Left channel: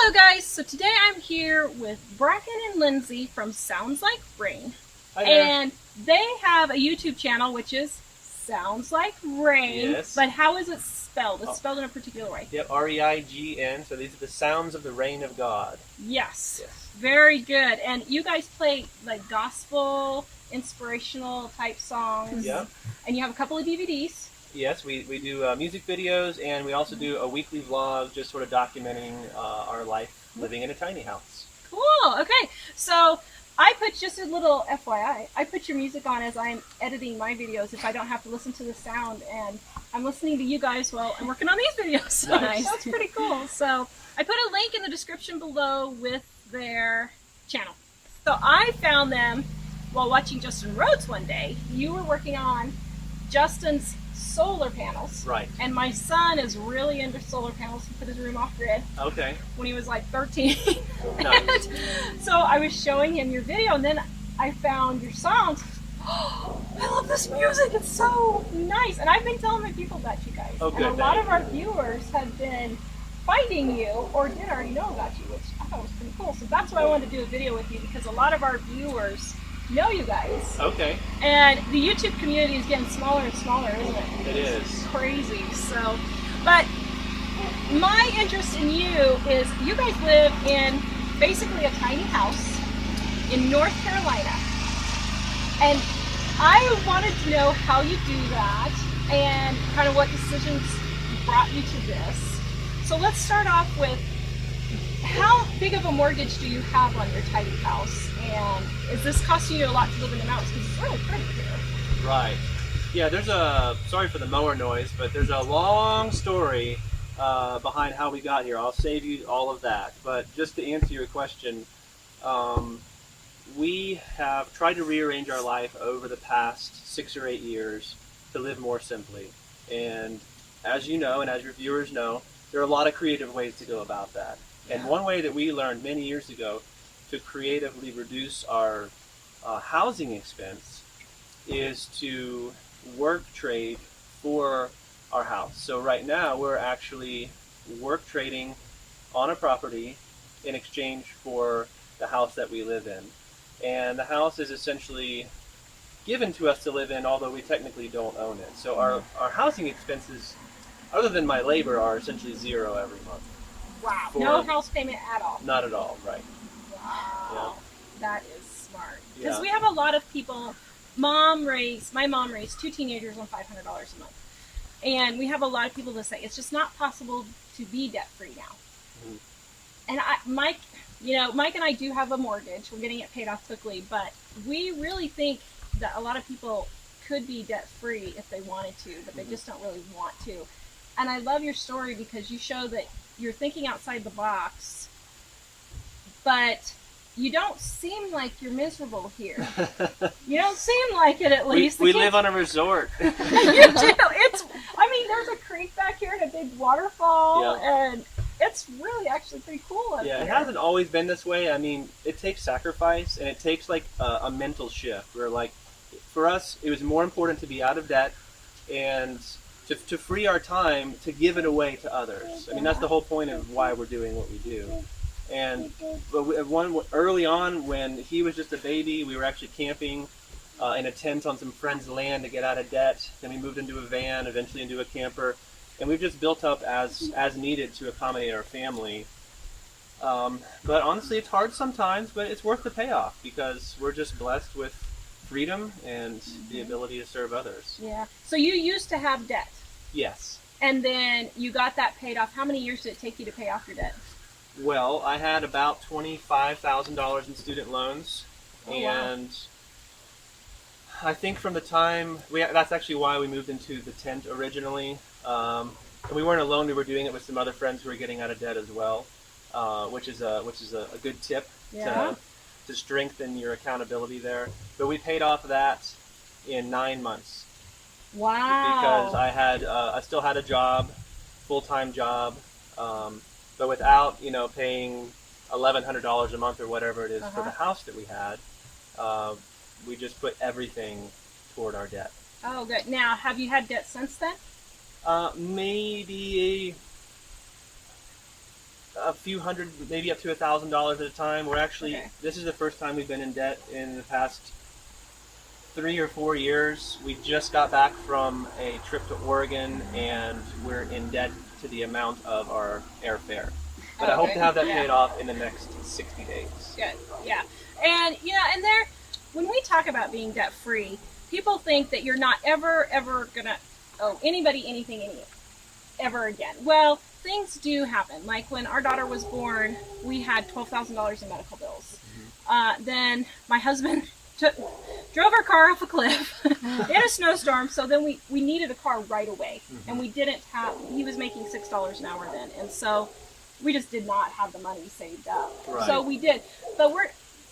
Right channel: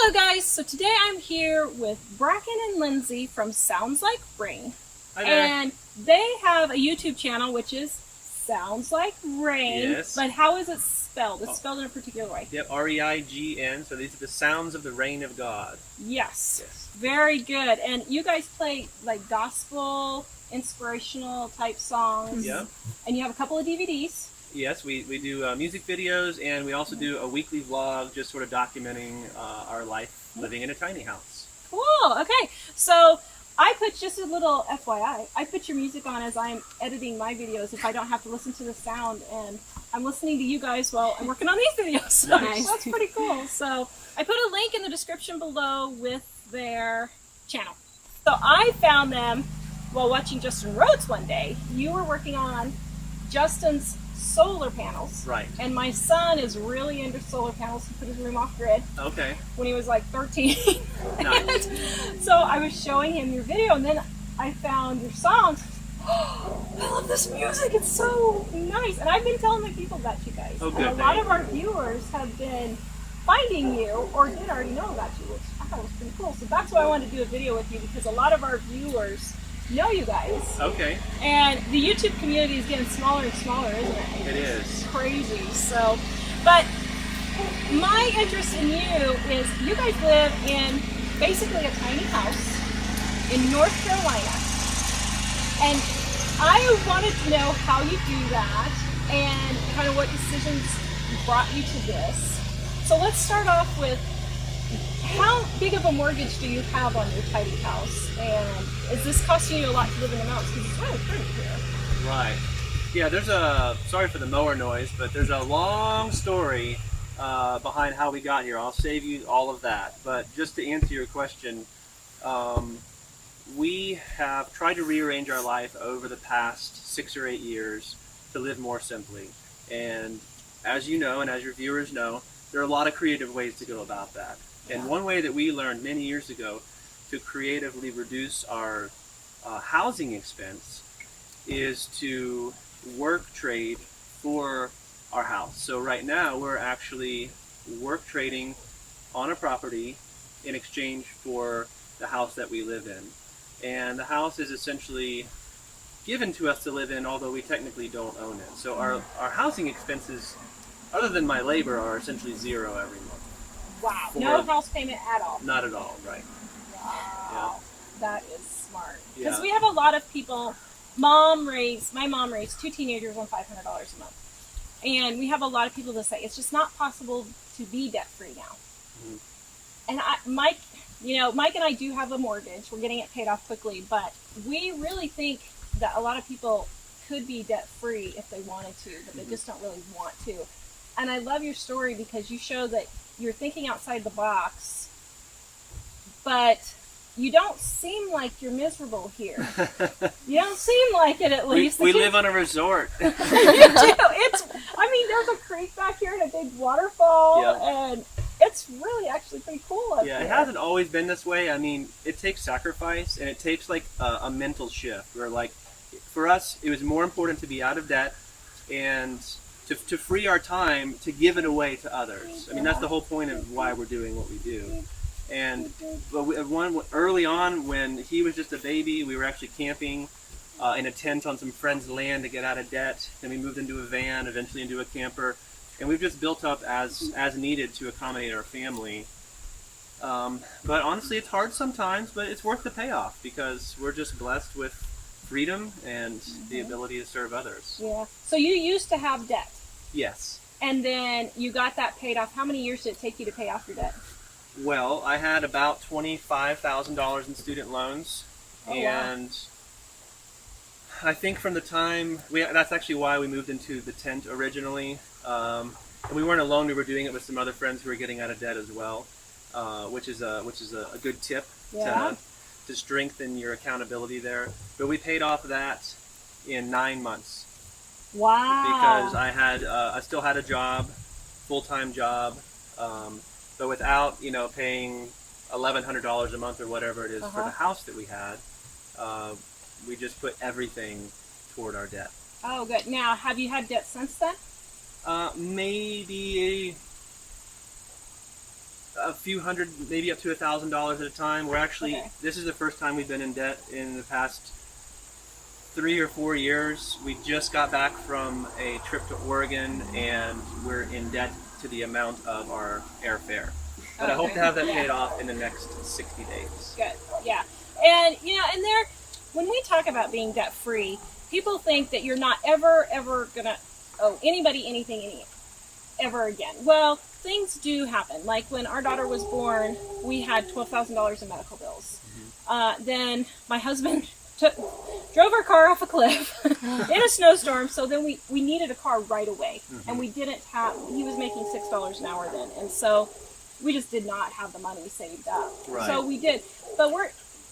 Hello guys, so today I'm here with Brackin and Lindsay from Sounds Like Rain. Hi there. And they have a YouTube channel which is Sounds Like Rain. Yes. But how is it spelled? It's spelled in a particular way. Yep, R-E-I-G-N, so these are the sounds of the rain of God. Yes. Yes. Very good. And you guys play like gospel, inspirational type songs. Yep. And you have a couple of DVDs. Yes, we do music videos, and we also do a weekly vlog just sort of documenting our life living in a tiny house. Cool. Okay. So I put just a little FYI. I put your music on as I'm editing my videos if I don't have to listen to the sound, and I'm listening to you guys while I'm working on these videos. So Nice. that's pretty cool. So I put a link in the description below with their channel. So I found them while watching Justin Rhodes one day. You were working on Justin's solar panels. Right. And my son is really into solar panels. He put his room off grid Okay. when he was like 13. Nice. And so I was showing him your video, and then I found your songs. Oh, I love this music. It's so nice. And I've been telling my people about you guys. Oh, good. And a lot of our viewers have been finding you or did already know about you, which I thought was pretty cool. So that's why I wanted to do a video with you, because a lot of our viewers know you guys. Okay. And the YouTube community is getting smaller and smaller, isn't it? It is. It's crazy. So, but my interest in you is you guys live in basically a tiny house in North Carolina. And I wanted to know how you do that and kind of what decisions brought you to this. So let's start off with, how big of a mortgage do you have on your tiny house? And is this costing you a lot to live in the mountains? Because it's really pretty here. Right. Yeah, there's sorry for the mower noise, but there's a long story behind how we got here. I'll save you all of that. But just to answer your question, we have tried to rearrange our life over the past 6 or 8 years to live more simply. And as you know, and as your viewers know, there are a lot of creative ways to go about that. And one way that we learned many years ago to creatively reduce our housing expense is to work trade for our house. So right now we're actually work trading on a property in exchange for the house that we live in. And the house is essentially given to us to live in, although we technically don't own it. So our housing expenses, other than my labor, are essentially zero every month. Wow. No house payment at all. Not at all, right. Wow. Yeah. That is smart. Because Yeah. we have a lot of people, my mom raised 2 teenagers on $500 a month. And we have a lot of people that say it's just not possible to be debt free now. Mm-hmm. And Mike and I do have a mortgage. We're getting it paid off quickly, but we really think that a lot of people could be debt free if they wanted to, but they just don't really want to. And I love your story because you show that you're thinking outside the box, but you don't seem like you're miserable here. You don't seem like it, at least. We live on a resort. You do. There's a creek back here and a big waterfall, and it's really actually pretty cool up Yeah, here. it hasn't always been this way. I mean, it takes sacrifice, and it takes like a mental shift where, like, for us, it was more important to be out of debt and to free our time to give it away to others. I mean, that's the whole point of why we're doing what we do. And early on, when he was just a baby, we were actually camping in a tent on some friends' land to get out of debt. Then we moved into a van, eventually into a camper, and we've just built up as needed to accommodate our family. But honestly, it's hard sometimes, but it's worth the payoff because we're just blessed with freedom and the ability to serve others. Yeah. So you used to have debt. Yes. And then you got that paid off. How many years did it take you to pay off your debt? Well, I had about $25,000 in student loans, and I think from the time that's actually why we moved into the tent originally. And we weren't alone; we were doing it with some other friends who were getting out of debt as well, which is a good tip to strengthen your accountability there. But we paid off that in 9 months. Wow! Because I still had a job, full-time job. But without, paying $1,100 a month or whatever it is for the house that we had, we just put everything toward our debt. Oh, good. Now, have you had debt since then? Maybe a few hundred, maybe up to $1,000 at a time. We're actually, Okay. this is the first time we've been in debt in the past 3 or 4 years. We just got back from a trip to Oregon, and we're in debt to the amount of our airfare. But I hope to have that paid off in the next 60 days. Good. Yeah. And, you know, and there, when we talk about being debt free, people think that you're not ever going to owe anybody anything ever again. Well, things do happen. Like when our daughter was born, we had $12,000 in medical bills. Then my husband drove our car off a cliff in a snowstorm, so then we needed a car right away. And we didn't have, he was making $6 an hour then, and so we just did not have the money saved up. Right. So we did. But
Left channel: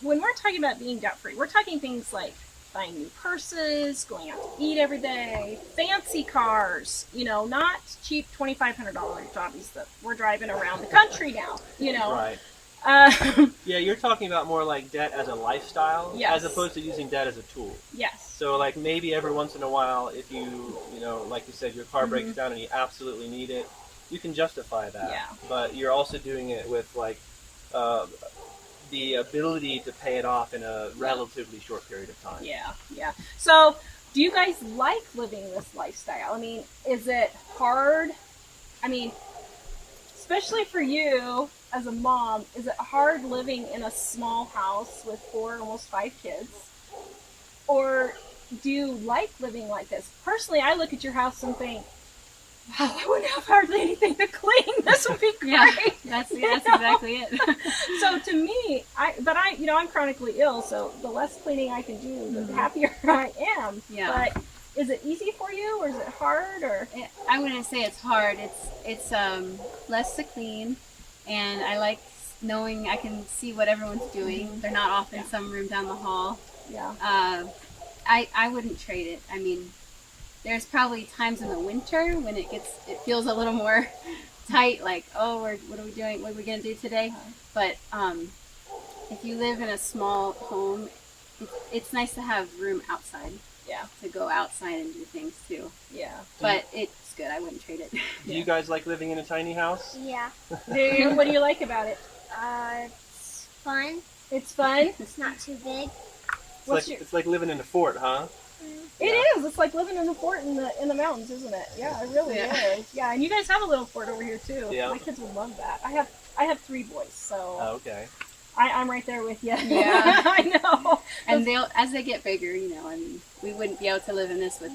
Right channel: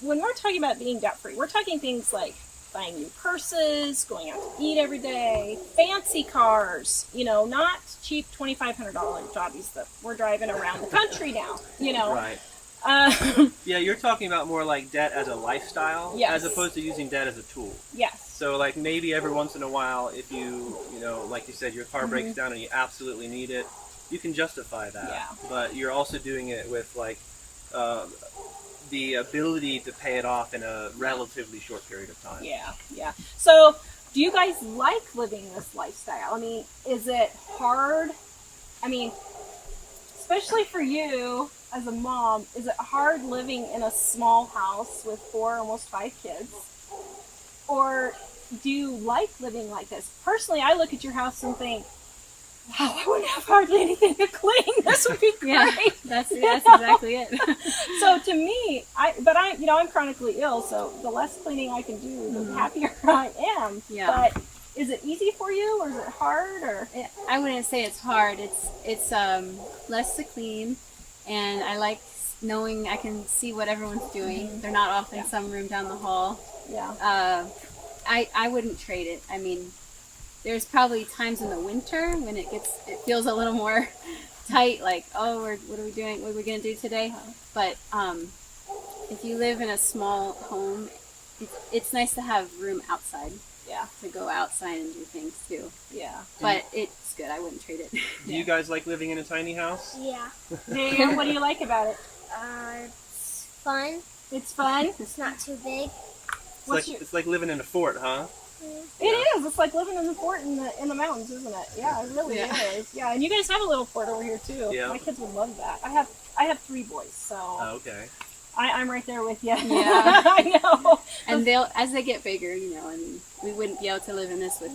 when we're talking about being debt free, we're talking things like buying new purses, going out to eat every day, fancy cars, you know, not cheap $2,500 jobbies that we're driving around the country now, you know. Right. Yeah, you're talking about more like debt as a lifestyle, Yes. as opposed to using debt as a tool. Yes. So like maybe every once in a while, if you know, like you said, your car breaks down and you absolutely need it, you can justify that. Yeah. But you're also doing it with like the ability to pay it off in a relatively short period of time. Yeah, yeah. So, do you guys like living this lifestyle? I mean, is it hard? I mean, especially for you as a mom, is it hard living in a small house with 4, almost 5 kids? Or do you like living like this? Personally, I look at your house and think, wow, I wouldn't have hardly anything to clean. This would be great. Yeah, that's exactly it. So to me, I'm chronically ill, so the less cleaning I can do, the happier I am. Yeah. But is it easy for you, or is it hard, or? I wouldn't say it's hard. It's less to clean, and I like knowing I can see what everyone's doing. They're not off in some room down the hall. Yeah. I wouldn't trade it. I mean, there's probably times in the winter when it feels a little more tight, like, oh, what are we doing? What are we going to do today? But if you live in a small home, it's nice to have room outside. Yeah. To go outside and do things too. Yeah. But it's good. I wouldn't trade it. Do you guys like living in a tiny house? Yeah. What do you like about it? It's fun. It's fun. It's not too big. It's like living in a fort, huh? It is. It's like living in a fort in the mountains, isn't it? Yeah, it really is. Yeah, and you guys have a little fort over here too. Yeah. My kids would love that. I have 3 boys, so Oh, okay. I'm right there with you. Yeah. I know. And as they get bigger, you know, I mean, we wouldn't be able to live in this with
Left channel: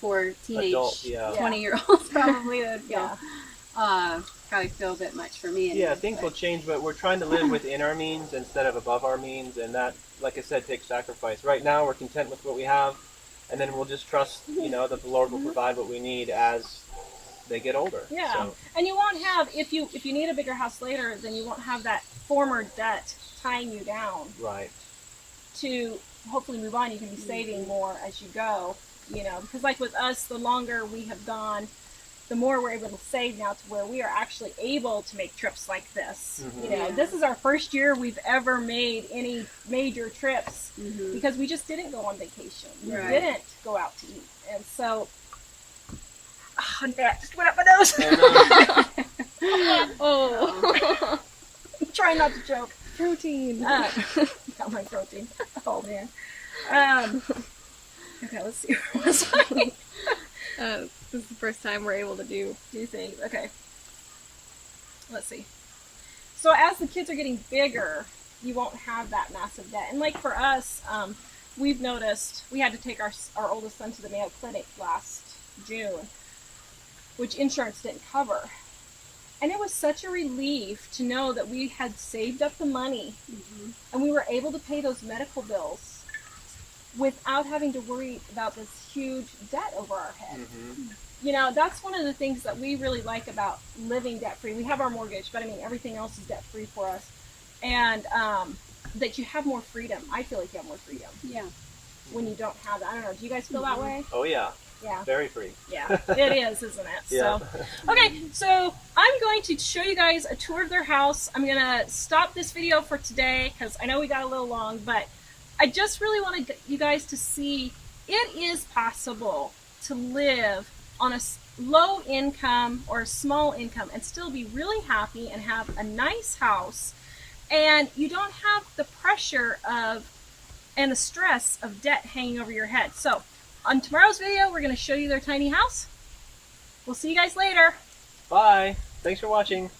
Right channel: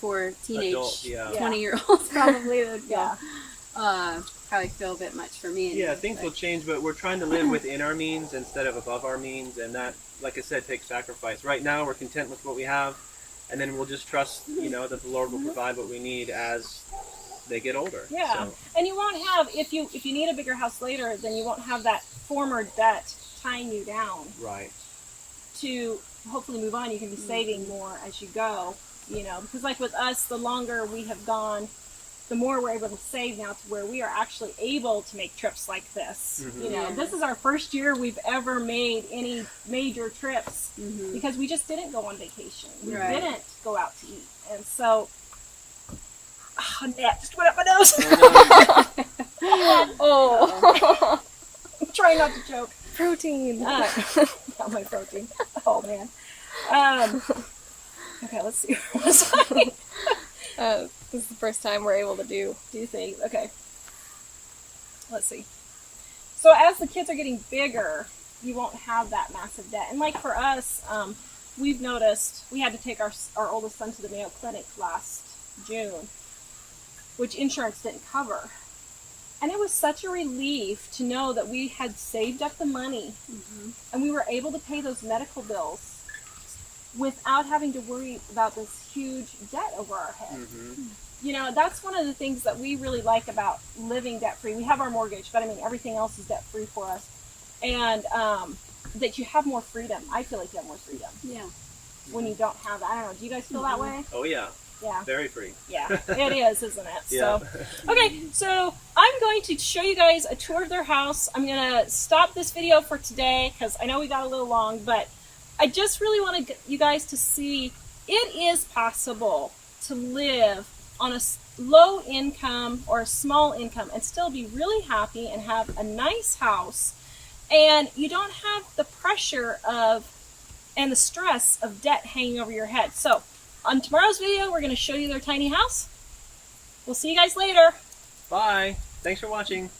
4 teenage Adult, yeah. 20-year-olds probably. That would feel, Yeah. probably feel a bit much for me. Anyway, Yeah, things will change, but we're trying to live within our means instead of above our means, and that, like I said, takes sacrifice. Right now, we're content with what we have, and then we'll just trust, you know, that the Lord will provide what we need as they get older. Yeah, So, and you won't have if you need a bigger house later, then you won't have that former debt tying you down right. to hopefully move on. You can be saving more as you go, you know, because like with us, the longer we have gone, the more we're able to save now to where we are actually able to make trips like this. You know, this is our first year we've ever made any major trips because we just didn't go on vacation. We didn't go out to eat. And so, that just went up my nose. Oh. I'm trying not to choke. Protein. Got my protein. Oh, man. Okay, let's see. This is the first time we're able to do things. Okay. Let's see. So as the kids are getting bigger, you won't have that massive debt. And like for us, we've noticed we had to take our oldest son to the Mayo Clinic last June, which insurance didn't cover. And it was such a relief to know that we had saved up the money and we were able to pay those medical bills without having to worry about this huge debt over our head. You know, that's one of the things that we really like about living debt-free. We have our mortgage, but I mean, everything else is debt-free for us. And that you have more freedom. I feel like you have more freedom. Yeah. When you don't have that. I don't know. Do you guys feel that way? Oh, yeah. Yeah. Very free. Yeah, it is, isn't it? Yeah. So, okay, so I'm going to show you guys a tour of their house. I'm going to stop this video for today because I know we got a little long, but I just really want you guys to see it is possible to live on a low income or a small income and still be really happy and have a nice house, and you don't have the pressure of and the stress of debt hanging over your head. So on tomorrow's video, we're going to show you their tiny house. We'll see you guys later. Bye. Thanks for watching.